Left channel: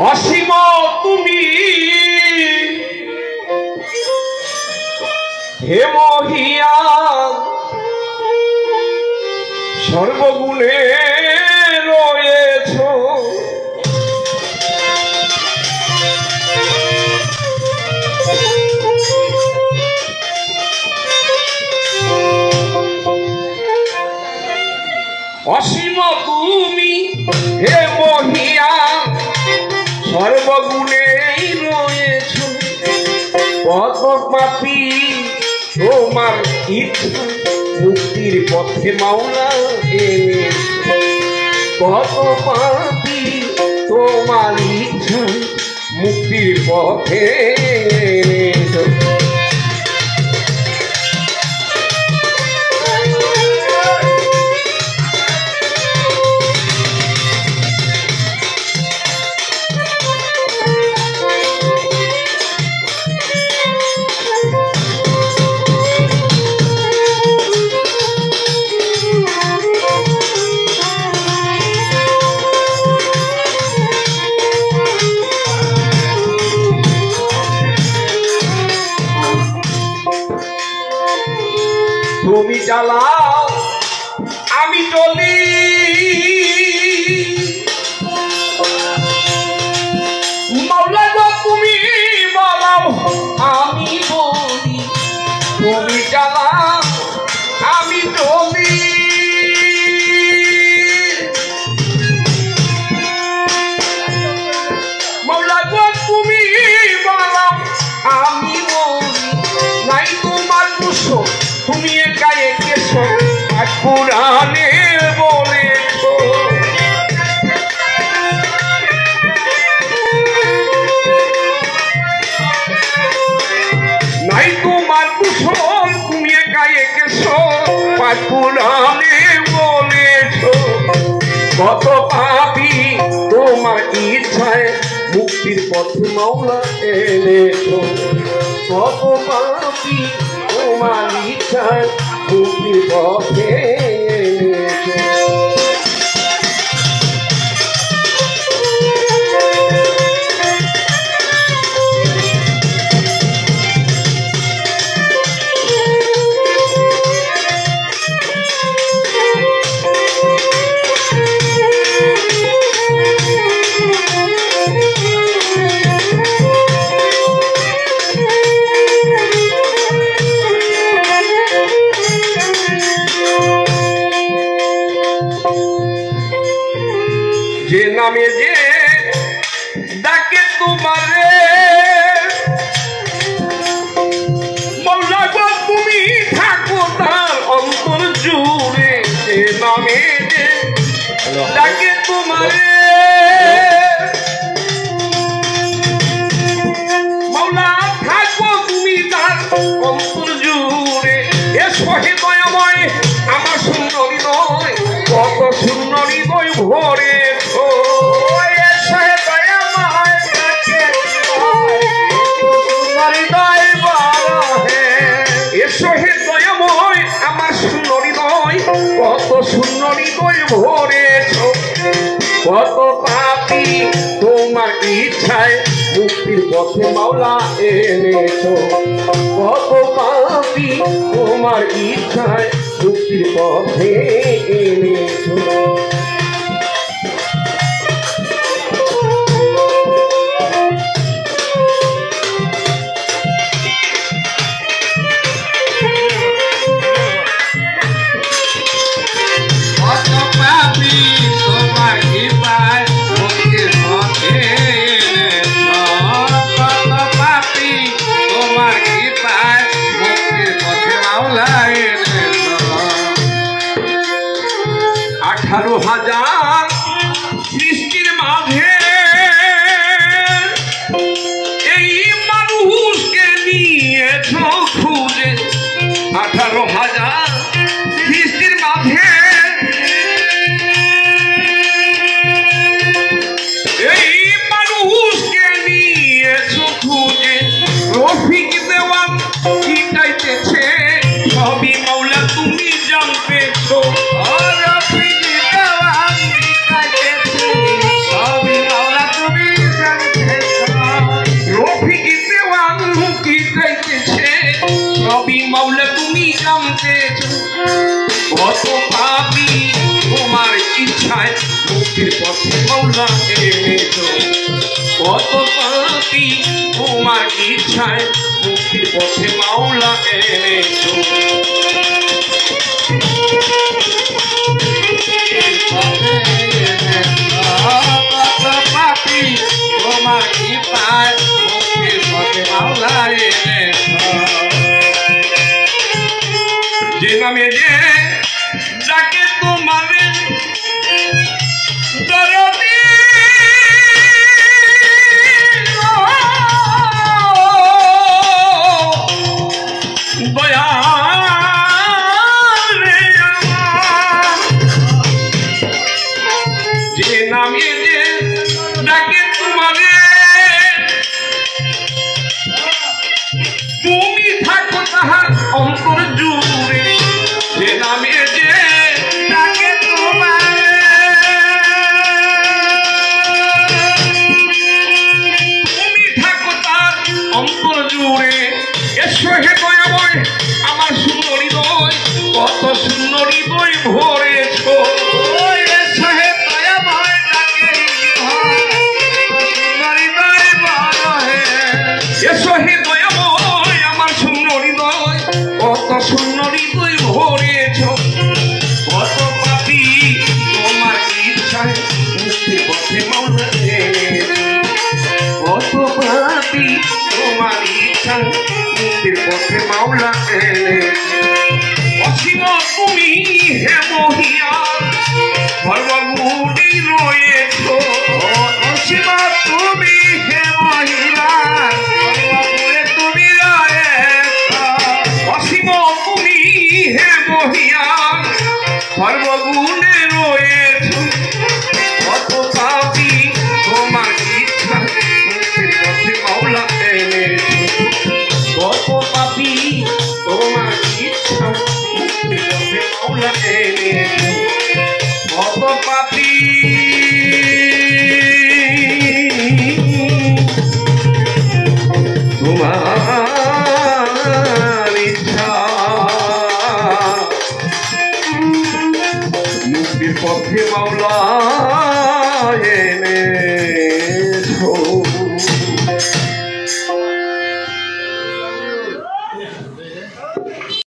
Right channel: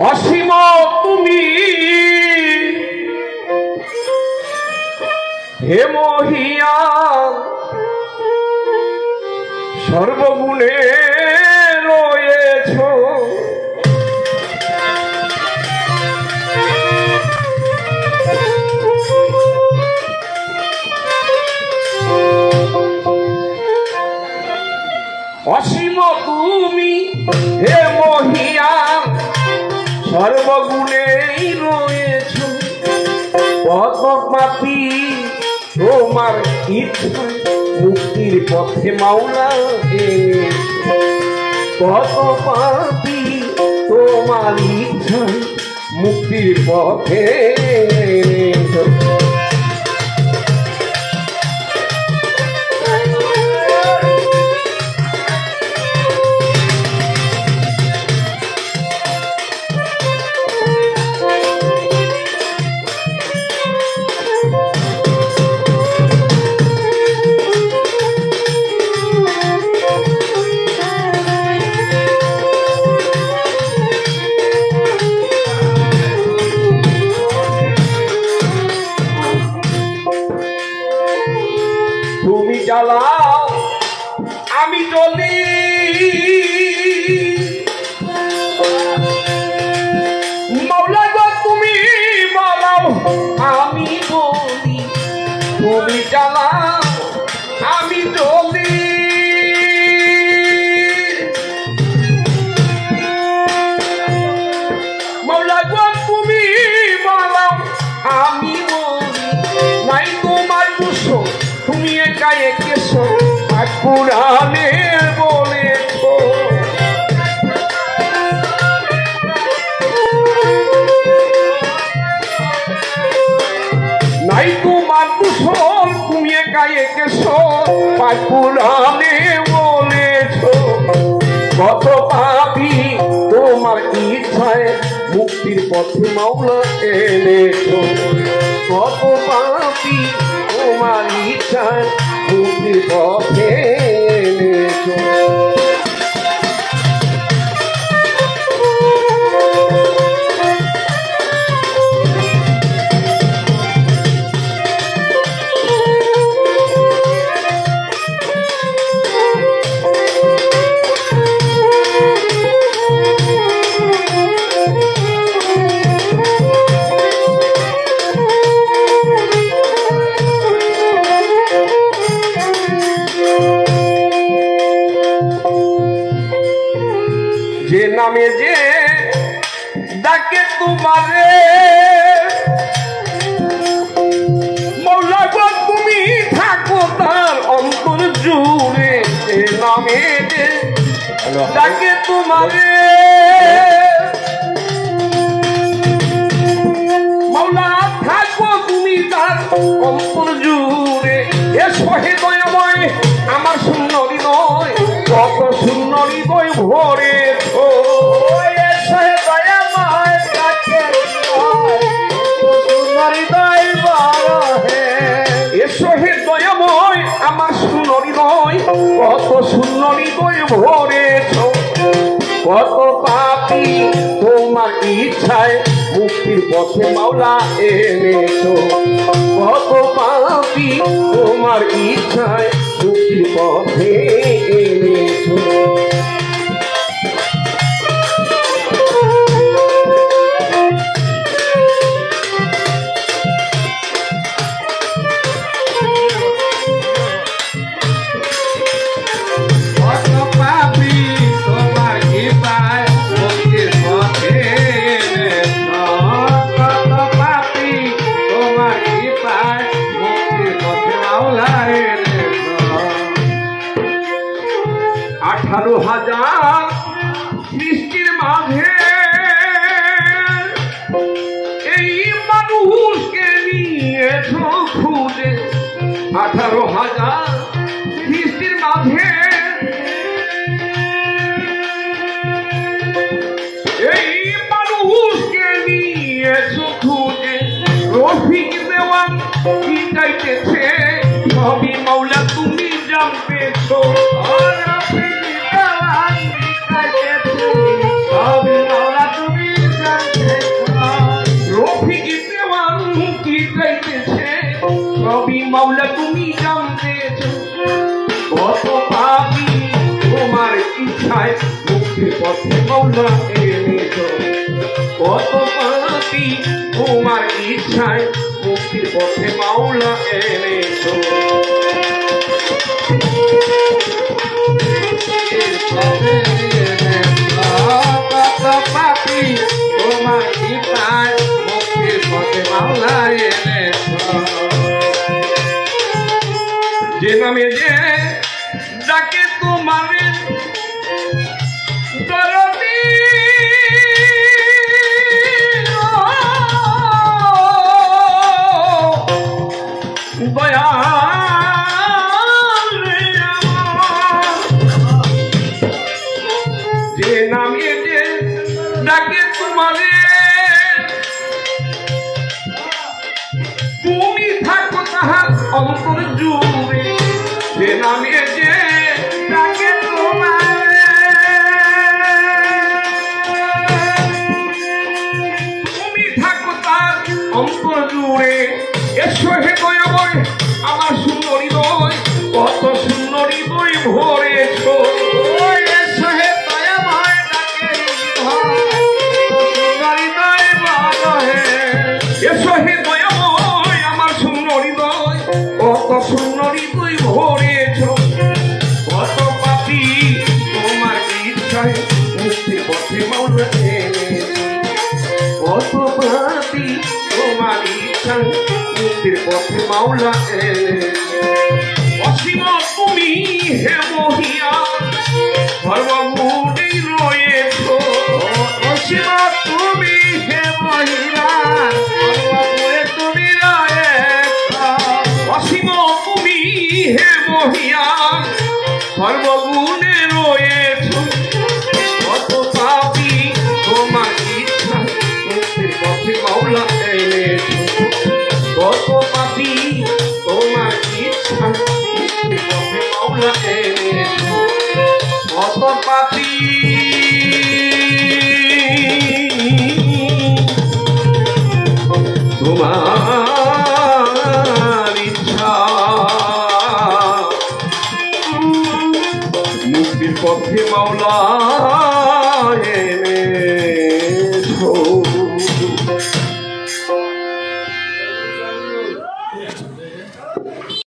অসীম তুমি হে মহিয়ান সর্বগুণে রয়েছ অসীম তুমি হে মহিয়ান সর্বগুণেই রয়েছ পদ্মপাপী তোমার ইচ্ছা মুক্তির পথে মাওলা পদ্মপাপী তোমার ইচ্ছা মুক্তির পথে তুমি জ্বালাও আমি জ্বলি মাওলা গো তুমি বলাও আমি বলি তুমি জ্বালাও আমি জ্বলি মাওলা গো তুমি বলাও আমি বলি নাই তোমার দুশো তুমি একা একেছো আর পুরাণে বলেছো নাই তোমার কুশল তুমি একা একেছো আর পুরাণে বলেছো কত পাপী তোমার ইচ্ছায় মুক্তির পথে মাওলা এনেছো কত পাপী তোমার ইচ্ছায় মুক্তির পথে এনেছো যে নামে যে ডাকে তোমারে মাওলা গো তুমি থাকো তার অন্তর জুড়ে যে নামে যে ডাকে তোমারে মাওলা থাকো তুমি তার অন্তর জুড়ে এসো হে দয়াময় আমার শূন্য হৃদয় কত শূন্য হৃদয় ভরে আমার শূন্য হৃদয় কত শূন্য হৃদয় ভরেছ কত পাপী তোমার ইচ্ছায় মুক্তির পথে মাওলা এনেছো কত পাপী তোমার ইচ্ছায় মুক্তির পথে এনেছো আঠারো হাজার সৃষ্টির মাঝে এই মানুষকে নিয়েছ খুঁজে 18,000 সৃষ্টির মাঝে এই মানুষকে নিয়েছ খুঁজে রফিক দেওয়ান কি চাইতেছে সবই মাওলা তুমি জানতেছো মুক্তির পথে মাওলা এনেছো কত পাপী তোমার ইচ্ছায় মুক্তির পথে মাওলা এনেছো কত পাপী তোমার ইচ্ছায় মুক্তির পথে মাওলা এনেছো যে নামে যে ডাকে তোমার দরদি দয়াল রে আমার যে নামে যে ডাকে তোমারে তুমি থাকো তাহার অন্তর জুড়ে যে নামে যে ডাকে তোমারে তুমি থাকো তার অন্তর জুড়ে এসো হে দয়াময় আমার শূন্য হৃদয় কত শূন্য হৃদয় ভরেছো এসো হে দয়াময় ডাকে হৃদয় বড় হে এসো হে দয়াময় আমার শূন্য হৃদয় কত শূন্য হৃদয় ভরেছো কত পাপী তোমার ইচ্ছায় মুক্তির পথে মাওলা এনেছো কত পাপী তোমার ইচ্ছায় মুক্তির পথে মাওলা এনেছো অসীম তুমি হে মহিয়ান সর্বগুণেই রয়েছো অসীম তুমি হে মহিয়ান সর্বগুণে তুমি রয়েছো অসীম তুমি হে মহিয়ান সর্বগুণে রয়েছো কত পাপী তোমার ইচ্ছা মুক্তির পথে মাওলা এনেছো কত পাপী তোমার ইচ্ছা মুক্তির পথে মাওলা এনেছো কত পাপী তোমার ইচ্ছা মুক্তির পথে মাওলা